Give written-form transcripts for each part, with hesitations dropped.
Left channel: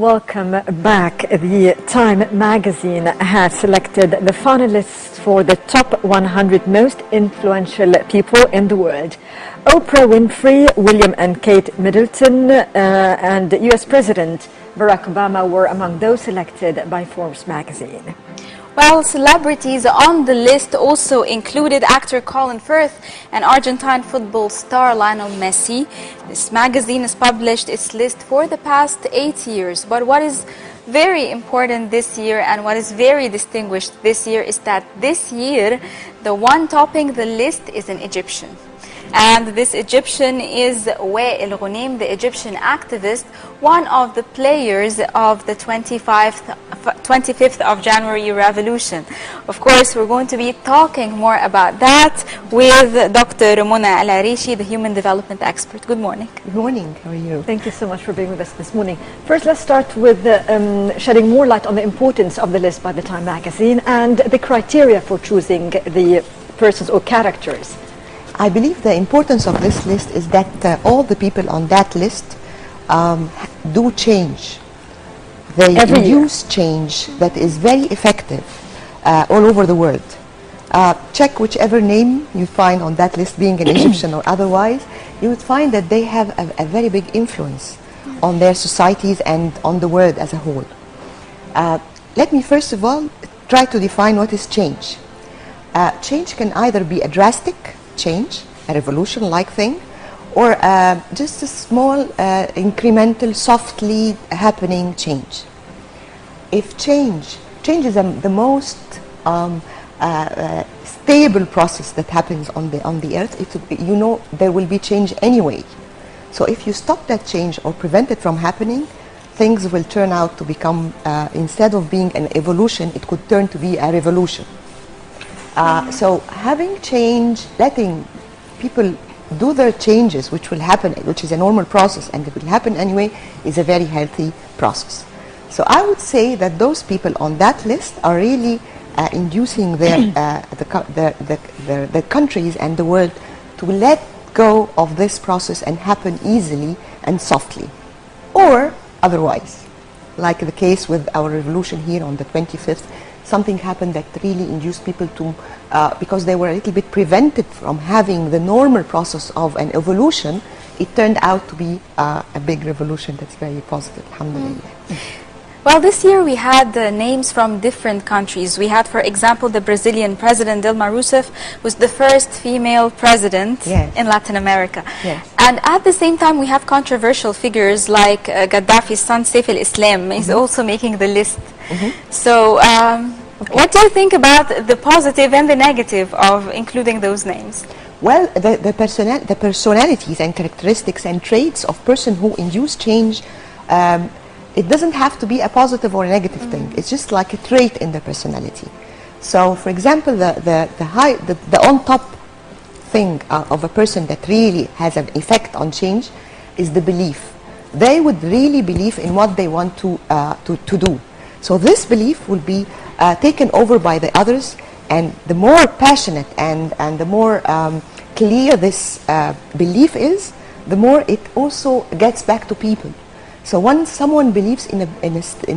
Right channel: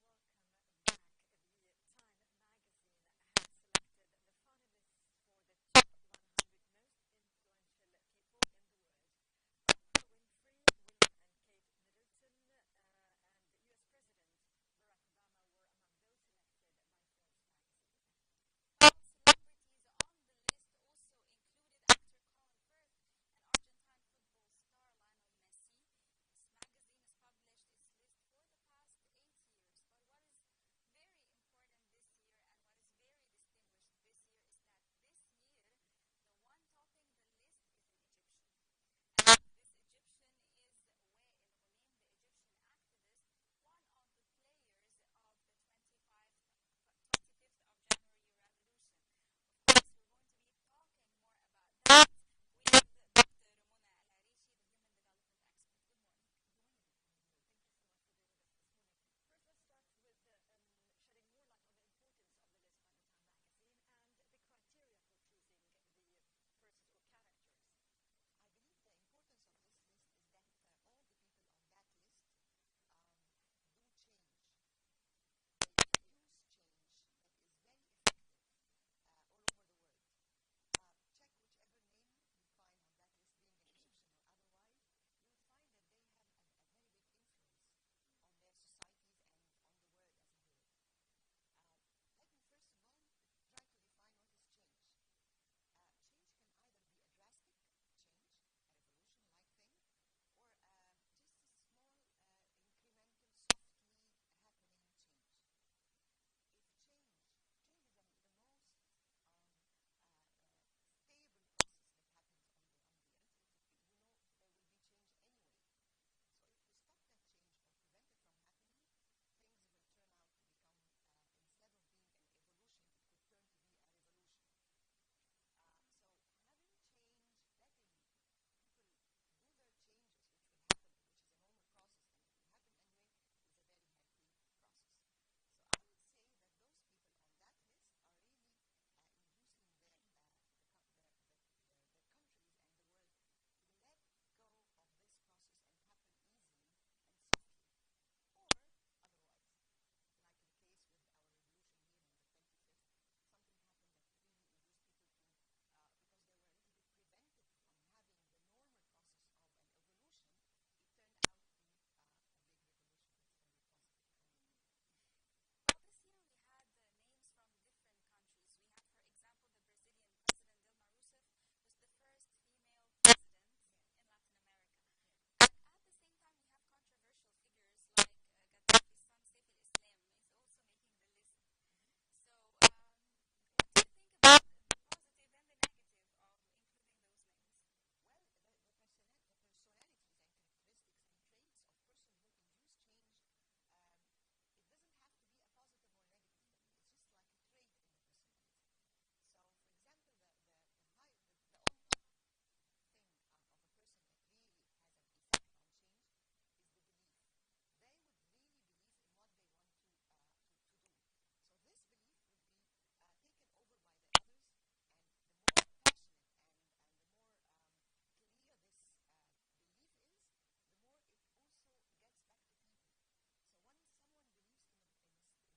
Welcome back. The Time magazine has selected the finalists for the top 100 most influential people in the world. Oprah Winfrey, William and Kate Middleton, and US President Barack Obama were among those selected by Forbes magazine. Well, celebrities on the list also included actor Colin Firth and Argentine football star Lionel Messi. This magazine has published its list for the past 8 years. But what is very important this year and what is very distinguished this year is that this year the one topping the list is an Egyptian. And this Egyptian is Wael Ghunaim, the Egyptian activist, one of the players of the 25th of January revolution. Of course, we're going to be talking more about that with Dr. Mona Al-Arishi, the human development expert. Good morning. Good morning. How are you? Thank you so much for being with us this morning. First, let's start with shedding more light on the importance of the list by the Time magazine and the criteria for choosing the persons or characters. I believe the importance of this list is that all the people on that list do change. They induce change that is very effective all over the world. Check whichever name you find on that list, being an Egyptian or otherwise, you would find that they have a very big influence on their societies and on the world as a whole. Let me first of all try to define what is change. Change can either be a drastic change, a revolution-like thing, or just a small, incremental, softly happening change. If change is the most stable process that happens on the earth, you know there will be change anyway. So if you stop that change or prevent it from happening, things will turn out to become, instead of being an evolution, it could turn to be a revolution. So having change, letting people do their changes, which will happen, which is a normal process and it will happen anyway, is a very healthy process. So I would say that those people on that list are really inducing the countries and the world to let go of this process and happen easily and softly. Or otherwise, like the case with our revolution here on the 25th, something happened that really induced people to, because they were a little bit prevented from having the normal process of an evolution, it turned out to be a big revolution that's very positive, alhamdulillah. Well, this year we had names from different countries. We had, for example, the Brazilian president, Dilma Rousseff, was the first female president in Latin America. Yes. And at the same time, we have controversial figures like Gaddafi's son, Saif al-Islam, is also making the list. So what do you think about the positive and the negative of including those names? Well, the personalities and characteristics and traits of person who induce change, it doesn't have to be a positive or a negative thing. It's just like a trait in the personality. So, for example, the on-top thing of a person that really has an effect on change is the belief. They would really believe in what they want to do. So this belief will be taken over by the others, and the more passionate and the more clear this belief is, the more it also gets back to people. So once someone believes in a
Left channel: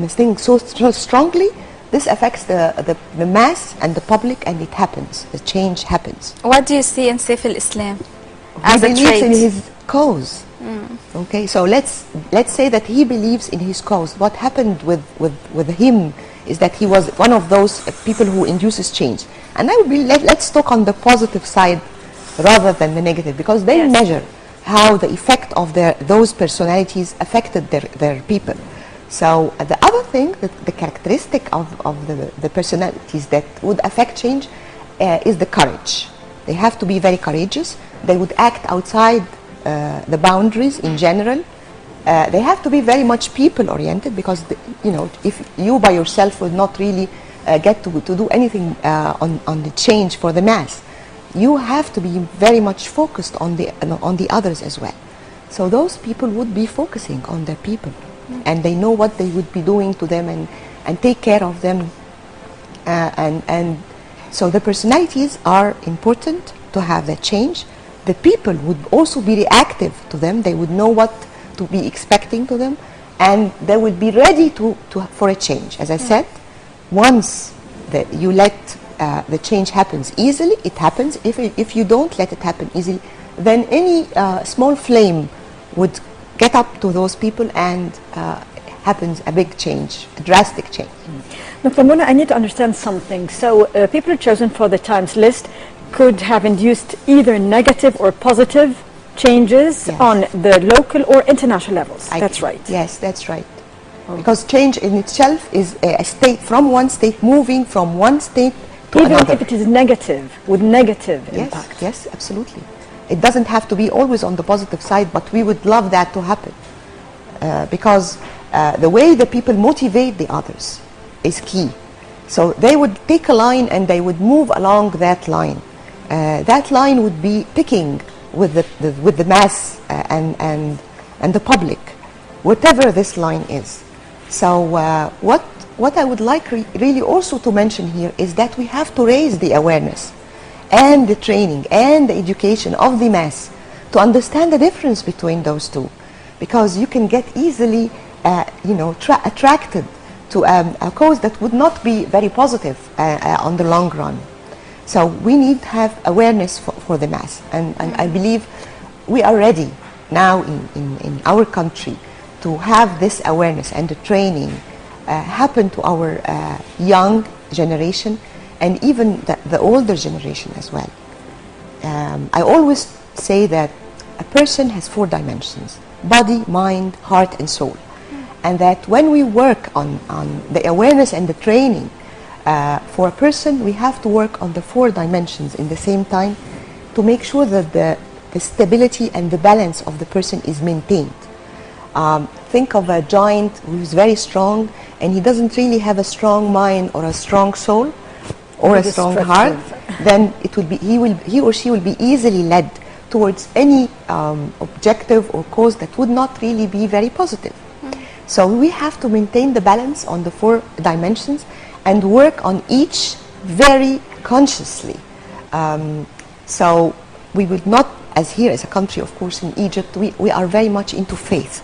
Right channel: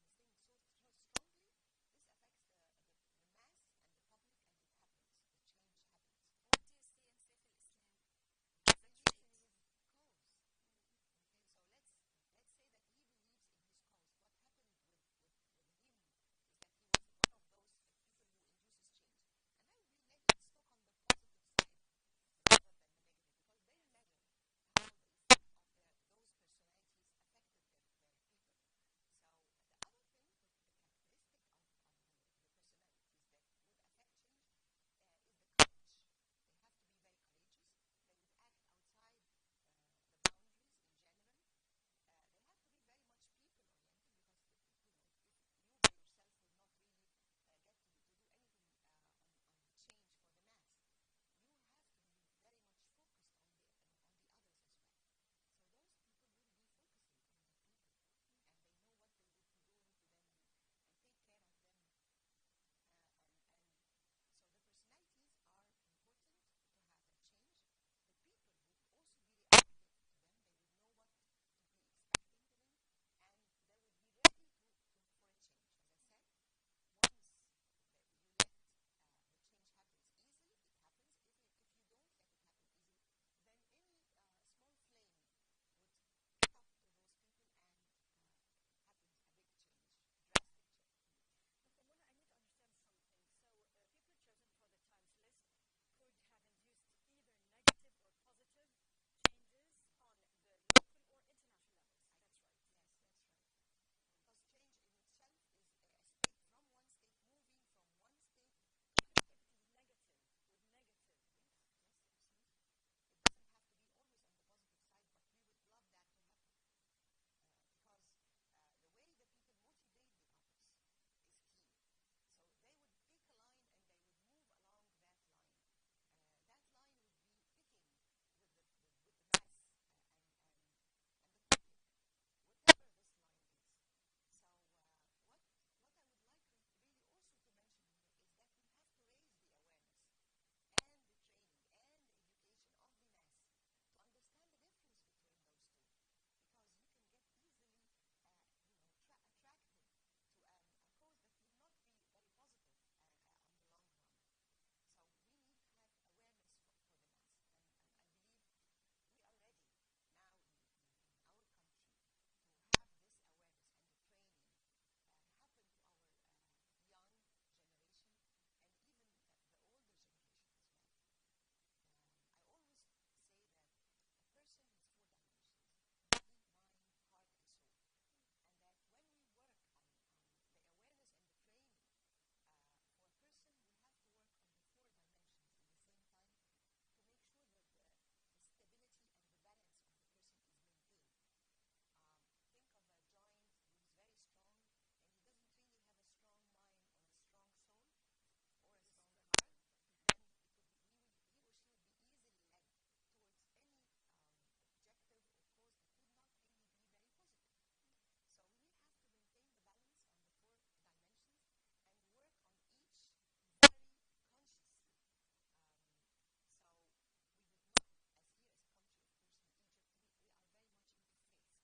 thing so strongly, this affects the mass and the public, and it happens. The change happens. What do you see in Saif al-Islam as a trait? He believes in his cause. Okay, so let's say that he believes in his cause. What happened with him is that he was one of those people who induces change. And I would be let's talk on the positive side rather than the negative, because they measure how the effect of those personalities affected their people. So the other thing, the characteristic of the personalities that would affect change is the courage. They have to be very courageous. They would act outside the boundaries in general. They have to be very much people-oriented, because if you by yourself would not really get to do anything on the change for the mass, you have to be very much focused on the others as well. So those people would be focusing on their people, and they know what they would be doing to them and take care of them. And so the personalities are important to have that change. The people would also be reactive to them. They would know what to be expecting to them, and they will be ready for a change. As I said, once you let the change happens easily, it happens. If you don't let it happen easily, then any small flame would get up to those people and happens a big change, a drastic change. Dr. Mona, I need to understand something. So people chosen for the Times list could have induced either negative or positive changes on the local or international levels. That's right. Yes, that's right. Because change in itself is a state, from one state moving from one state to another. Even if it is negative, with negative impact. Yes, absolutely. It doesn't have to be always on the positive side, but we would love that to happen. Because the way the people motivate the others is key. So they would take a line and they would move along that line. That line would be picking with the mass and the public, whatever this line is. So what I would like really also to mention here is that we have to raise the awareness and the training and the education of the mass to understand the difference between those two, because you can get easily attracted to a cause that would not be very positive on the long run. So we need to have awareness for the mass, and I believe we are ready now in our country to have this awareness and the training happen to our young generation and even the older generation as well. I always say that a person has 4 dimensions: body, mind, heart, and soul. And that when we work on the awareness and the training for a person, we have to work on the 4 dimensions in the same time to make sure that the stability and the balance of the person is maintained. Think of a giant who's very strong and he doesn't really have a strong mind or a strong soul or a strong heart, then it will be, he or she will be easily led towards any objective or cause that would not really be very positive. So we have to maintain the balance on the 4 dimensions and work on each very consciously. So we would not, as here as a country, of course, in Egypt, we are very much into faith.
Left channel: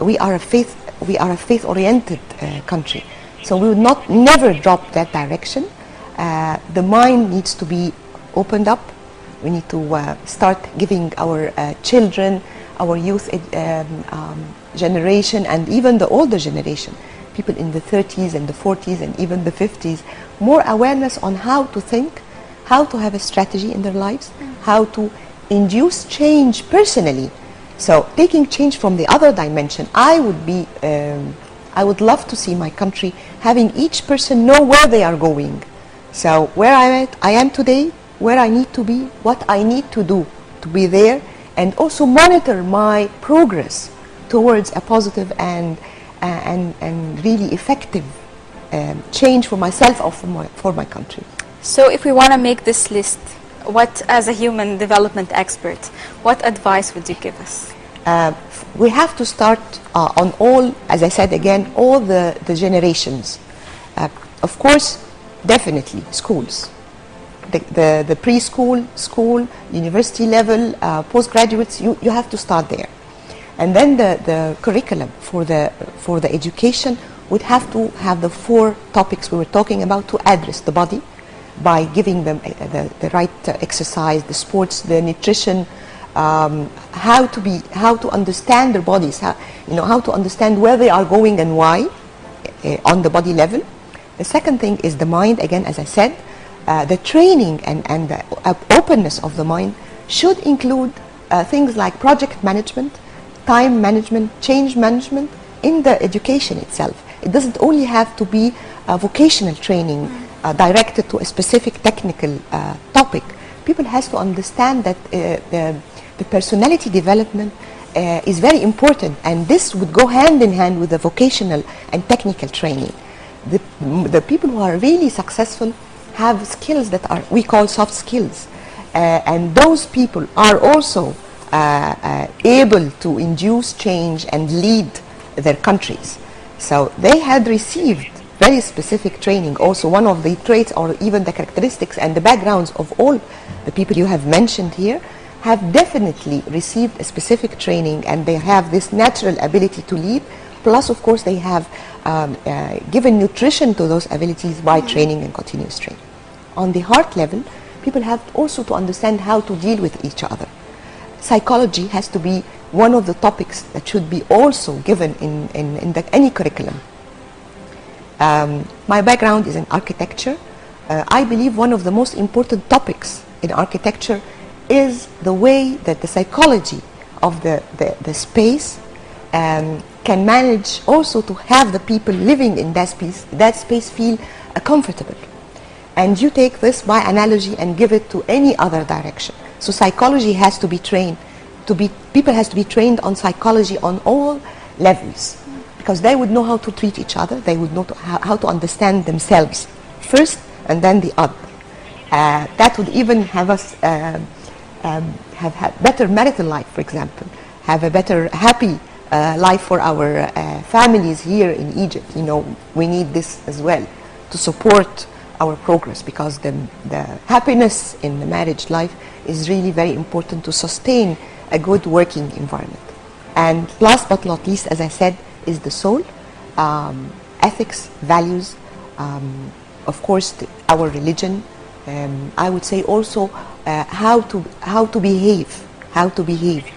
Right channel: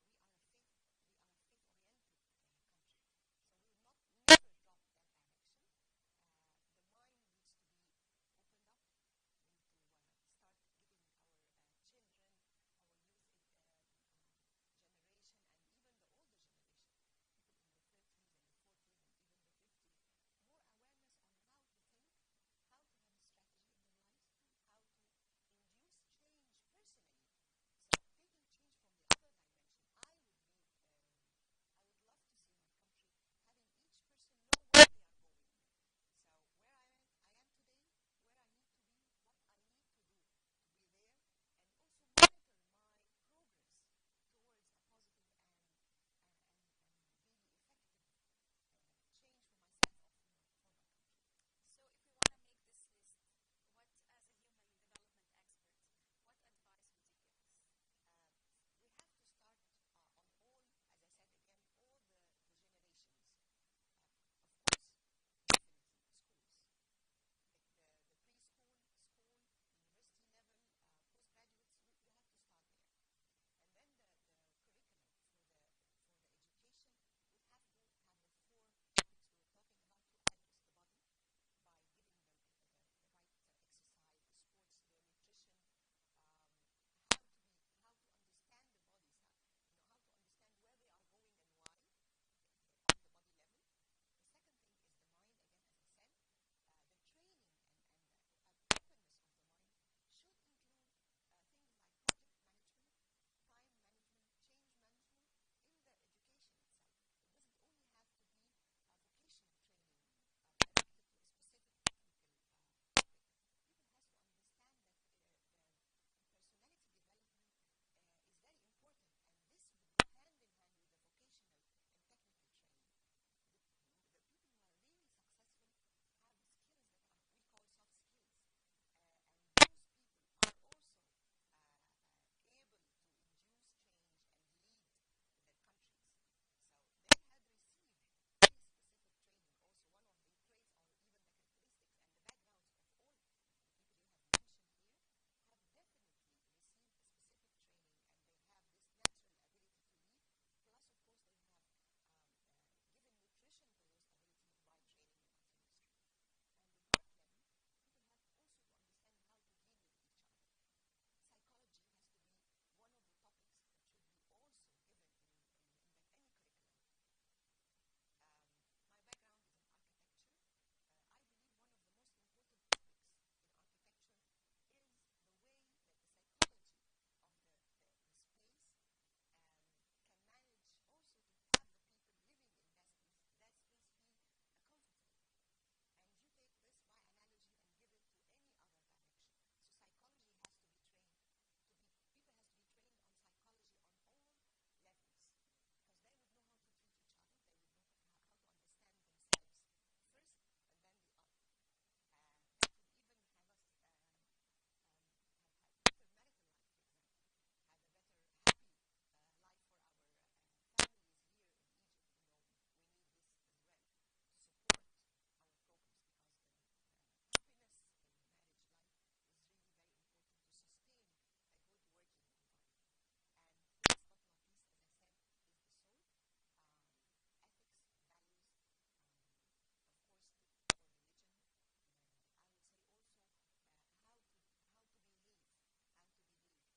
We are a faith-oriented country. So we would never drop that direction. The mind needs to be opened up. We need to start giving our children, our youth generation, and even the older generation, people in the 30s and the 40s and even the 50s, more awareness on how to think, how to have a strategy in their lives, how to induce change personally. So taking change from the other dimension, I would love to see my country having each person know where they are going. So where I am today, where I need to be, what I need to do to be there, and also monitor my progress towards a positive and really effective change for myself or for my country. So if we want to make this list, what, as a human development expert, what advice would you give us? We have to start on all, as I said again, all the generations. Of course, definitely schools. The preschool, school, university level, postgraduates, you have to start there. And then the curriculum for the education would have to have the 4 topics we were talking about to address the body by giving them the right exercise, the sports, the nutrition, how to understand their bodies, how to understand where they are going and why on the body level. The second thing is the mind, again, as I said. The training and the openness of the mind should include things like project management, time management, change management in the education itself. It doesn't only have to be a vocational training directed to a specific technical topic. People has to understand that the personality development is very important, and this would go hand in hand with the vocational and technical training. The people who are really successful have skills that we call soft skills, and those people are also able to induce change and lead their countries. So they had received very specific training. Also, one of the traits or even the characteristics and the backgrounds of all the people you have mentioned here have definitely received a specific training, and they have this natural ability to lead Plus, of course, they have given nutrition to those abilities by training and continuous training. On the heart level, people have also to understand how to deal with each other. Psychology has to be one of the topics that should be also given in any curriculum. My background is in architecture. I believe one of the most important topics in architecture is the way that the psychology of the space can manage also to have the people living in that space feel comfortable. And you take this by analogy and give it to any other direction. So psychology has to be trained, people has to be trained on psychology on all levels, because they would know how to treat each other, they would know how to understand themselves first and then the other. That would even have us have had better marital life, for example, have a better happy life for our families here in Egypt. You know, we need this as well to support our progress, because the happiness in the marriage life is really very important to sustain a good working environment. And last but not least, as I said, is the soul, ethics, values, of course our religion. I would say also how to behave.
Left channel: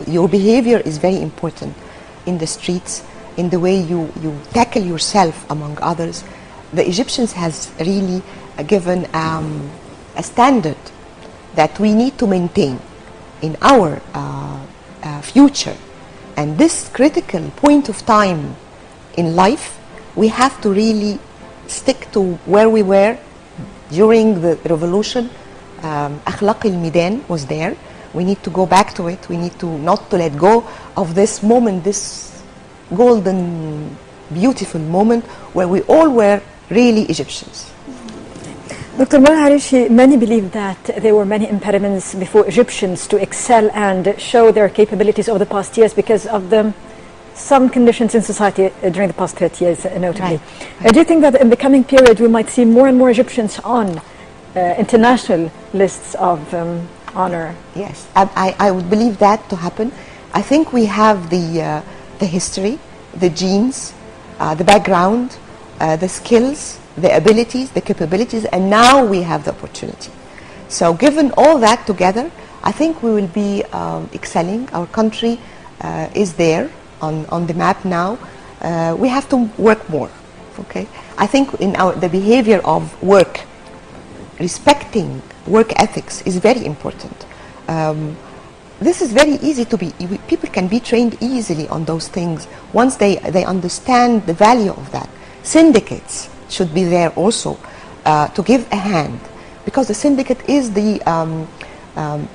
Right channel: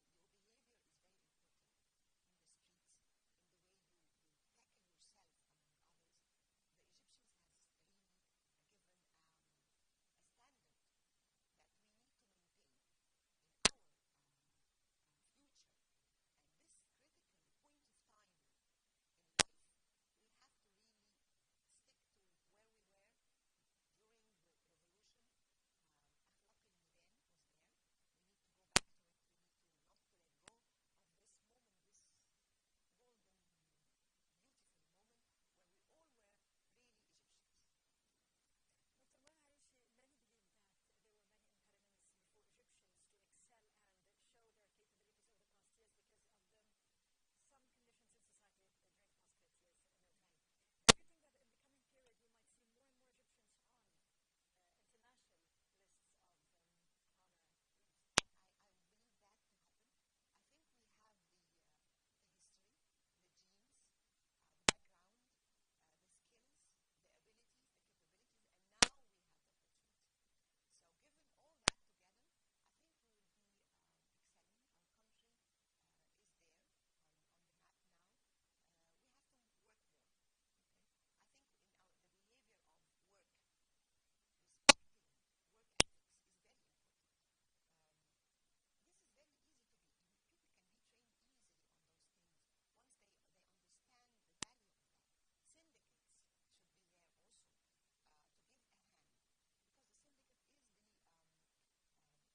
Your behavior is very important in the streets, in the way you tackle yourself among others. The Egyptians has really given a standard that we need to maintain in our future. And this critical point of time in life, we have to really stick to where we were during the revolution. Akhlaq al-Midan was there. We need to go back to it. We need to not to let go of this moment, this golden, beautiful moment where we all were really Egyptians. Dr. Mona Arishi, many believe that there were many impediments before Egyptians to excel and show their capabilities over the past years because of some conditions in society during the past 30 years, notably. Right. Do you think that in the coming period we might see more and more Egyptians on international lists of honor? Yes, I would believe that to happen. I think we have the history, the genes, the background, the skills, the abilities, the capabilities, and now we have the opportunity. So given all that together, I think we will be excelling. Our country is there on the map now. We have to work more, okay? I think in the behavior of work, respecting work ethics is very important. This is very easy to be, people can be trained easily on those things once they understand the value of that. Syndicates should be there also to give a hand, because the syndicate is the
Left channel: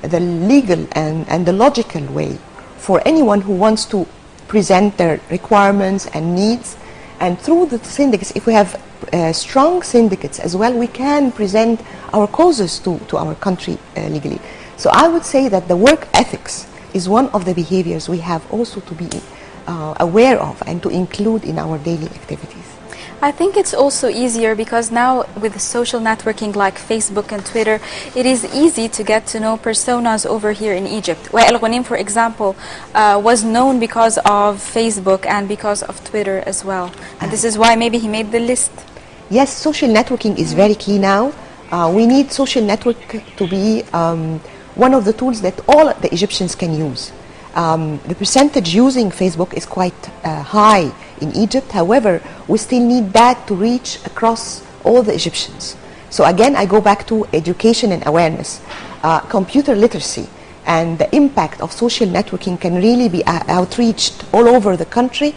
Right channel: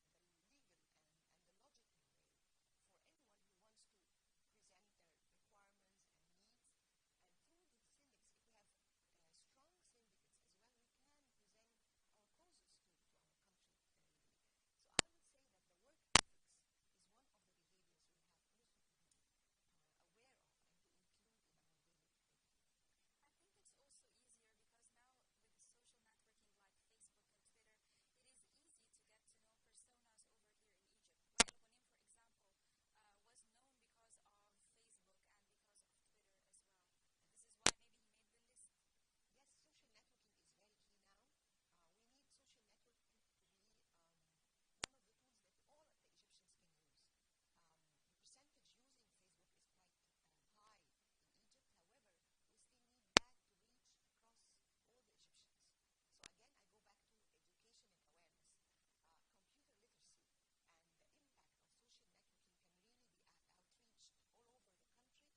legal and the logical way for anyone who wants to present their requirements and needs. And through the syndicates, if we have strong syndicates as well, we can present our causes to our country legally. So I would say that the work ethics is one of the behaviors we have also to be aware of and to include in our daily activities. I think it's also easier because now with social networking like Facebook and Twitter, it is easy to get to know personas over here in Egypt. Wael Ghanim, for example, was known because of Facebook and because of Twitter as well. And this is why maybe he made the list. Yes, social networking is very key now. We need social network to be one of the tools that all the Egyptians can use. The percentage using Facebook is quite high in Egypt. However, we still need that to reach across all the Egyptians. So again, I go back to education and awareness. Computer literacy and the impact of social networking can really be outreached all over the country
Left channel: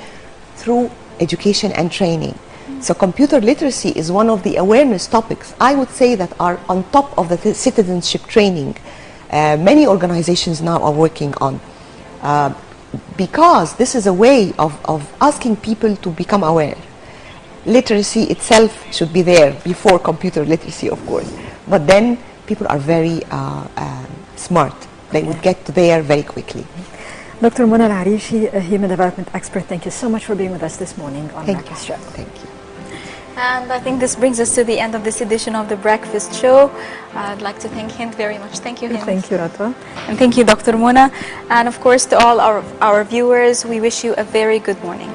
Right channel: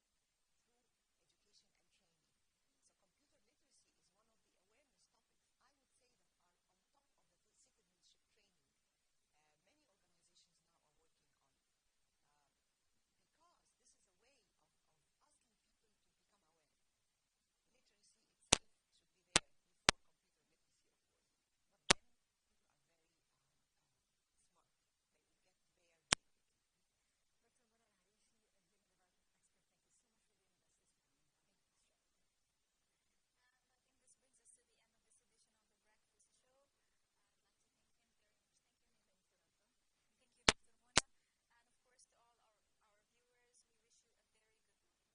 through education and training. So computer literacy is one of the awareness topics, I would say, that are on top of the citizenship training. Many organizations now are working on. Because this is a way of asking people to become aware. Literacy itself should be there before computer literacy, of course. But then people are very smart. They would get there very quickly. Dr. Mona Arishi, a human development expert, thank you so much for being with us this morning on Breakfast Show. Thank you. And I think this brings us to the end of this edition of the Breakfast Show. I'd like to thank Hind very much. Thank you, Hind. Thank you, Ratwa. And thank you, Dr. Mona. And of course, to all our viewers, we wish you a very good morning.